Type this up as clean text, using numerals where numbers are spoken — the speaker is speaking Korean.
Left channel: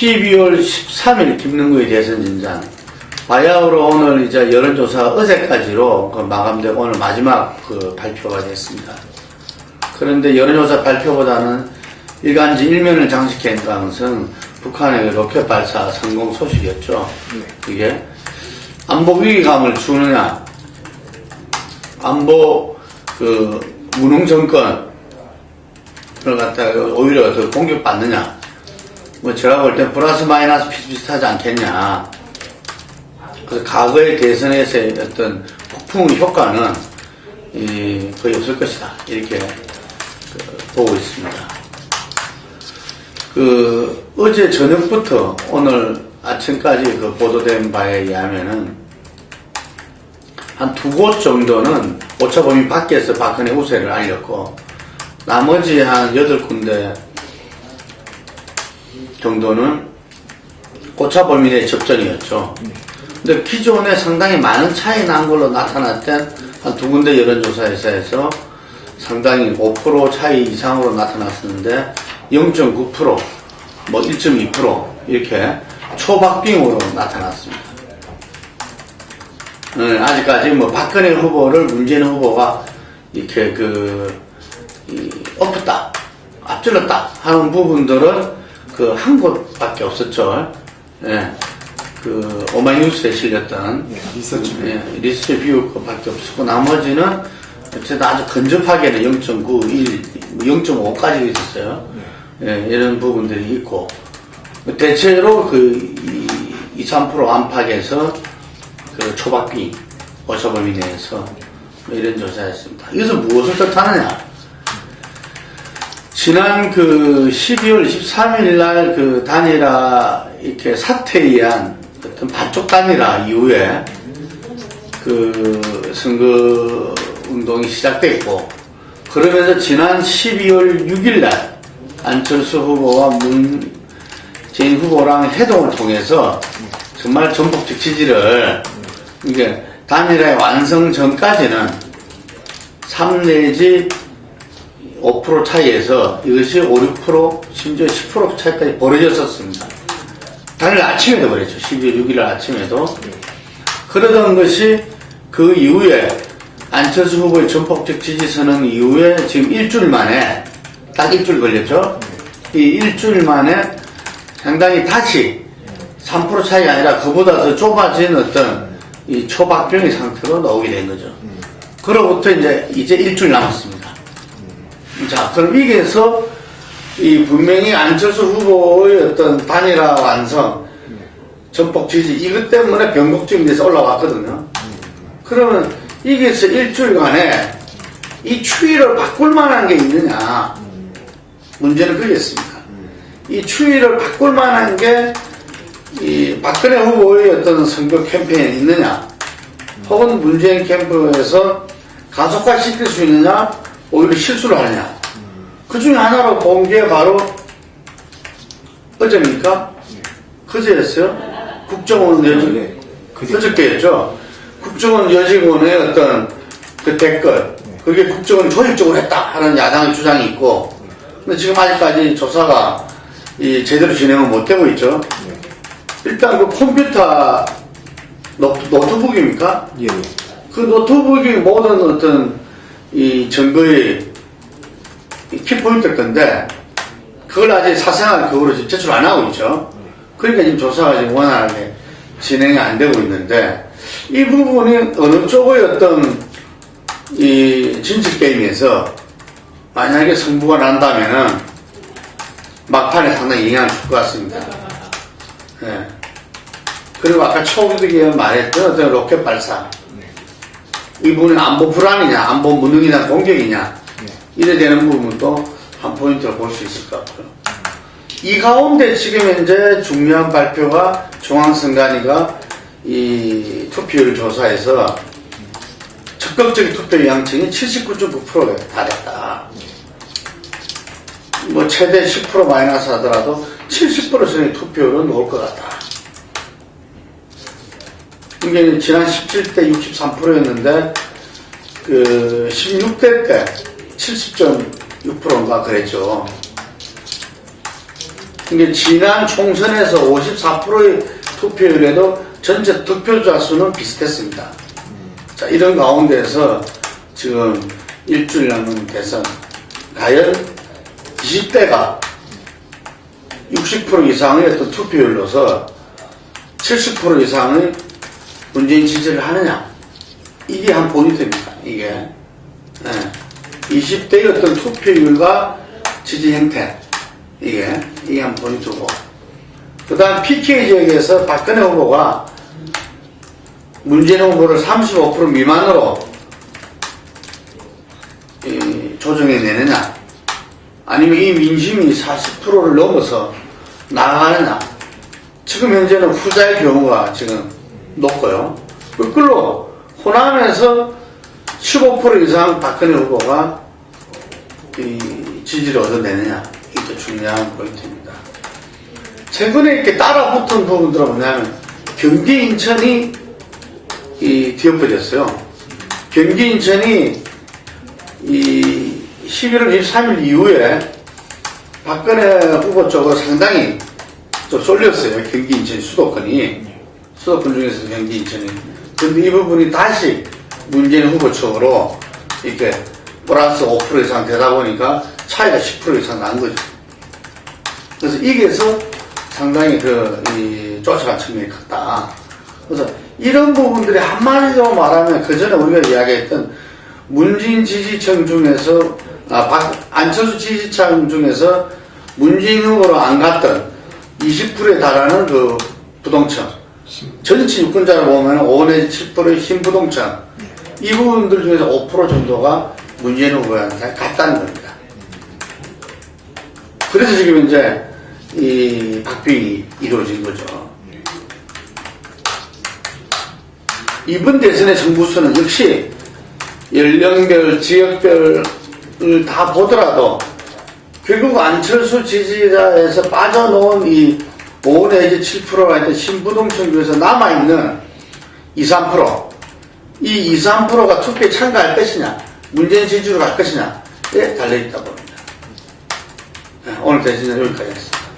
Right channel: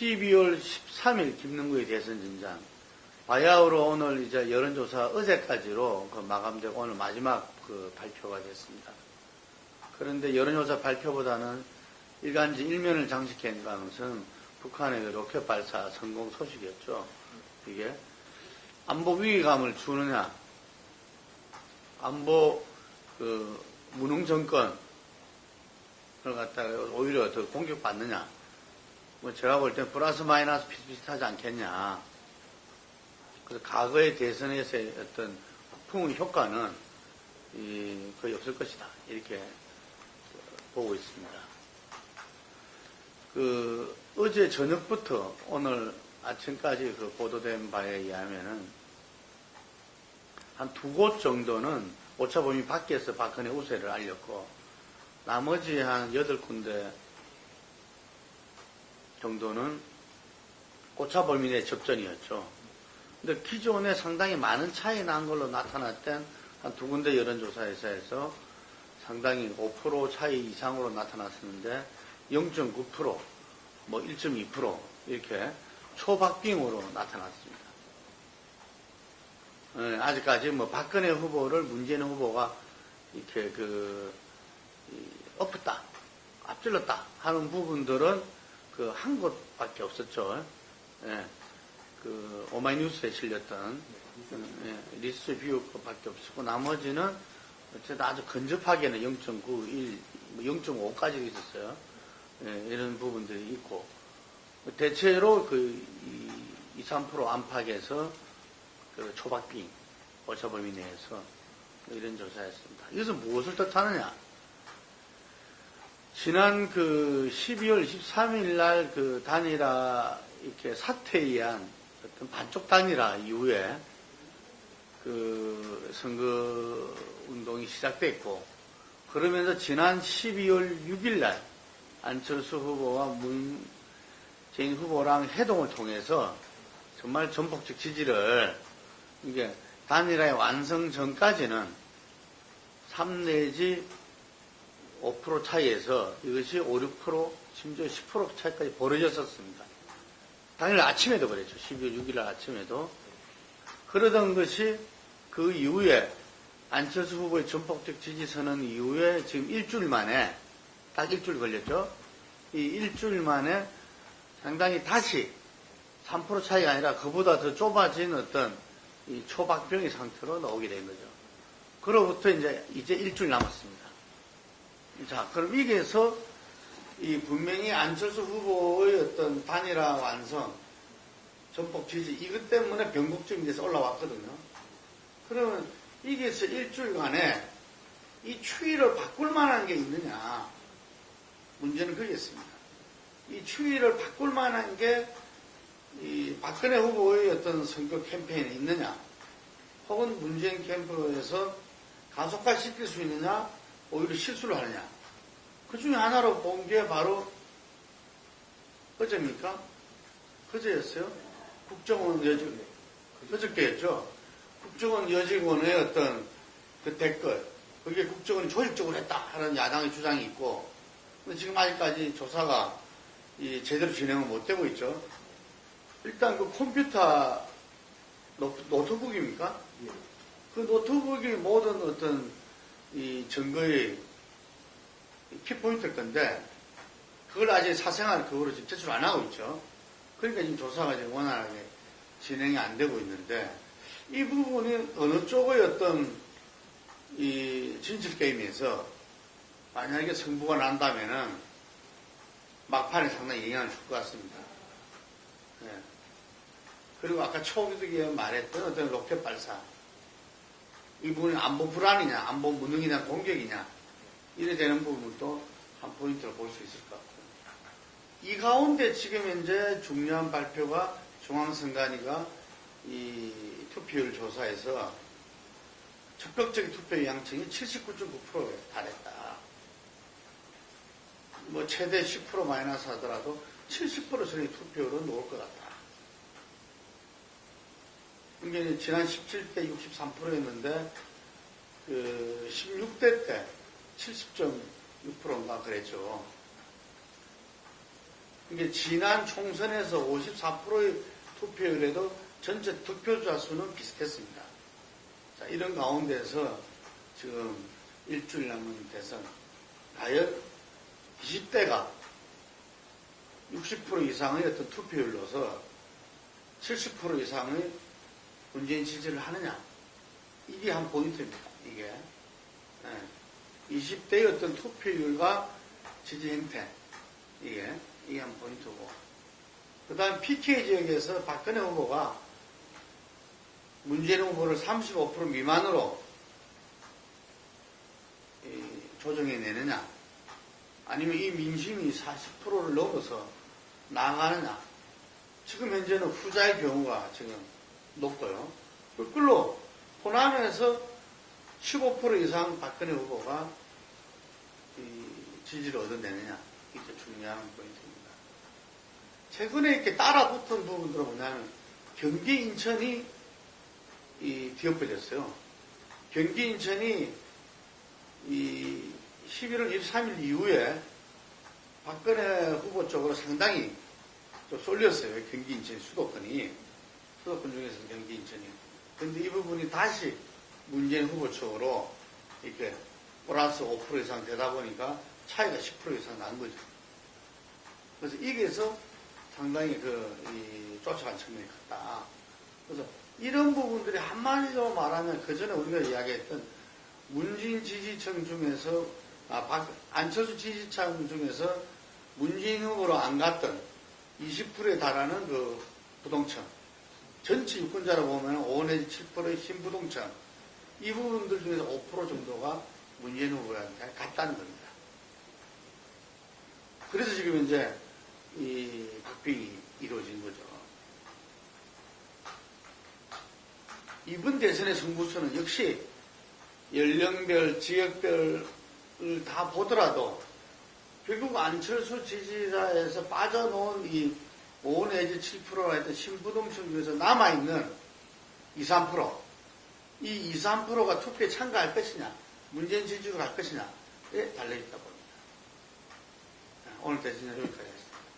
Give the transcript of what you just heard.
12월 13일 김능구의 대선 진단. 바야흐로 오늘 이제 여론조사가 어제까지로 마감되고 오늘 마지막 발표가 됐습니다. 그런데 여론조사 발표보다는 일간지 일면을 장식한 것은 북한의 로켓 발사 성공 소식이었죠. 이게 안보 위기감을 주느냐, 안보 무능 정권을 갖다가 오히려 더 공격받느냐, 뭐 제가 볼 때 플러스 마이너스 비슷비슷하지 않겠냐. 그래서 과거의 대선에서의 어떤 폭풍의 효과는 거의 없을 것이다. 이렇게 보고 있습니다. 어제 저녁부터 오늘 아침까지 보도된 바에 의하면은 한 2곳 정도는 오차범위 밖에서 박근혜 우세를 알렸고, 나머지 한 8군데 정도는 오차범위 내 접전이었죠. 근데 기존에 상당히 많은 차이 난 걸로 나타났던 한 2군데 여론조사에서 상당히 5% 차이 이상으로 나타났었는데 0.9%, 뭐 1.2% 이렇게 초박빙으로 나타났습니다. 아직까지 뭐 박근혜 후보를 문재인 후보가 이렇게 엎었다, 앞질렀다 하는 부분들은 한 곳밖에 없었죠. 예. 오마이뉴스에 실렸던 리서치 뷰 밖에 없었고, 나머지는 어쨌든 아주 근접하게는 0.9, 1, 0.5까지 있었어요. 예, 이런 부분들이 있고, 대체로 2, 3% 안팎에서 초박빙, 오차범위 내에서 이런 조사였습니다. 이것은 무엇을 뜻하느냐? 지난 12월 23일 날 단일화 이렇게 사태에 의한 어떤 반쪽 단일화 이후에 선거 운동이 시작됐고, 그러면서 지난 12월 6일 날 안철수 후보와 문재인 후보랑 회동을 통해서 정말 전폭적 지지를, 이게 단일화의 완성 전까지는 3 내지 5% 차이에서 이것이 5, 6% 심지어 10% 차이까지 벌어졌었습니다. 당일 아침에도 그랬죠. 12월 6일 아침에도. 그러던 것이 그 이후에 안철수 후보의 전폭적 지지 선언 이후에 지금 일주일 만에, 딱 일주일 걸렸죠. 이 일주일 만에 상당히 다시 3% 차이가 아니라 그보다 더 좁아진 어떤 이 초박병의 상태로 나오게 된 거죠. 그로부터 이제 일주일 남았습니다. 자, 그럼 여기에서 분명히 안철수 후보의 어떤 단일화 완성, 전폭 지지, 이것 때문에 변곡점이 돼서 올라왔거든요. 그러면 여기에서 일주일간에 이 추이를 바꿀 만한 게 있느냐? 문제는 그겠습니다. 이 추이를 바꿀 만한 게 이 박근혜 후보의 어떤 선거 캠페인이 있느냐? 혹은 문재인 캠프에서 가속화 시킬 수 있느냐? 오히려 실수를 하느냐? 그 중에 하나로 본 게 바로 어제입니까? 그제였어요? 국정원 여직, 그저께였죠? 국정원 여직원의 어떤 댓글, 그게 국정원이 조직적으로 했다 하는 야당의 주장이 있고, 근데 지금 아직까지 조사가 제대로 진행을 못되고 있죠? 일단 컴퓨터, 노트북입니까? 예. 그 노트북이 모든 어떤 증거의 키포인트일 건데, 그걸 아직 사생활 그거로 제출 안 하고 있죠. 그러니까 지금 조사가 지금 원활하게 진행이 안 되고 있는데, 이 부분이 어느 쪽의 어떤 진실 게임에서 만약에 승부가 난다면은 막판에 상당히 영향을 줄 것 같습니다. 예. 그리고 아까 초기에 말했던 어떤 로켓 발사, 이 부분은 안보 불안이냐, 안보 무능이냐, 공격이냐, 이래 되는 부분도 한 포인트로 볼 수 있을 것 같고요. 이 가운데 지금 현재 중요한 발표가 중앙선관위가 이 투표율 조사에서 적극적인 투표 의향층이 79.9%에 달했다. 뭐 최대 10% 마이너스 하더라도 70%의 투표율은 올 것 같다. 이게 지난 17대 63%였는데 16대 때 70.6%인가 그랬죠. 그러니까 지난 총선에서 54%의 투표율에도 전체 득표자 수는 비슷했습니다. 자, 이런 가운데서 지금 일주일 남은 대선, 과연 20대가 60% 이상의 어떤 투표율로서 70% 이상의 문재인 지지를 하느냐, 이게 한 포인트입니다. 이게 20대의 어떤 투표율과 지지 행태, 이게 한 포인트고, 그 다음 PK 지역에서 박근혜 후보가 문재인 후보를 35% 미만으로 조정해내느냐, 아니면 이 민심이 40%를 넘어서 나가느냐. 지금 현재는 후자의 경우가 지금 높고요. 거꾸로 호남에서 15% 이상 박근혜 후보가 지지를 얻어내느냐, 이게 중요한 포인트입니다. 최근에 이렇게 따라붙은 부분들은 뭐냐면 경기 인천이 뒤엎어졌어요. 경기 인천이 11월 23일 이후에 박근혜 후보 쪽으로 상당히 좀 쏠렸어요. 경기 인천 수도권이. 수도권 중에서 경기 인천이. 그런데 이 부분이 다시 문재인 후보 쪽으로 이렇게 플러스 5% 이상 되다 보니까 차이가 10% 이상 난 거죠. 그래서 이게서 상당히 쫓아간 측면이 컸다. 그래서 이런 부분들이 한마디로 말하면 그 전에 우리가 이야기했던 문재인 지지층 중에서, 안철수 지지층 중에서 문재인 후보로 안 갔던 20%에 달하는 그 부동층, 전체 유권자를 보면 5 내지 7%의 신부동층, 이 부분들 중에서 5% 정도가 문재인 후보한테 갔다는 겁니다. 그래서 지금 이제 이 박빙이 이루어진 거죠. 이번 대선의 정부수는 역시 연령별, 지역별을 다 보더라도 결국 안철수 지지자에서 빠져놓은 이 5 내지 7%가 있던 신부동층 중에서 남아있는 2, 3%, 이 2, 3%가 투표에 참가할 것이냐, 문재인 지지로 갈 것이냐에 달려있다고 봅니다. 오늘 대선은 여기까지 하겠습니다.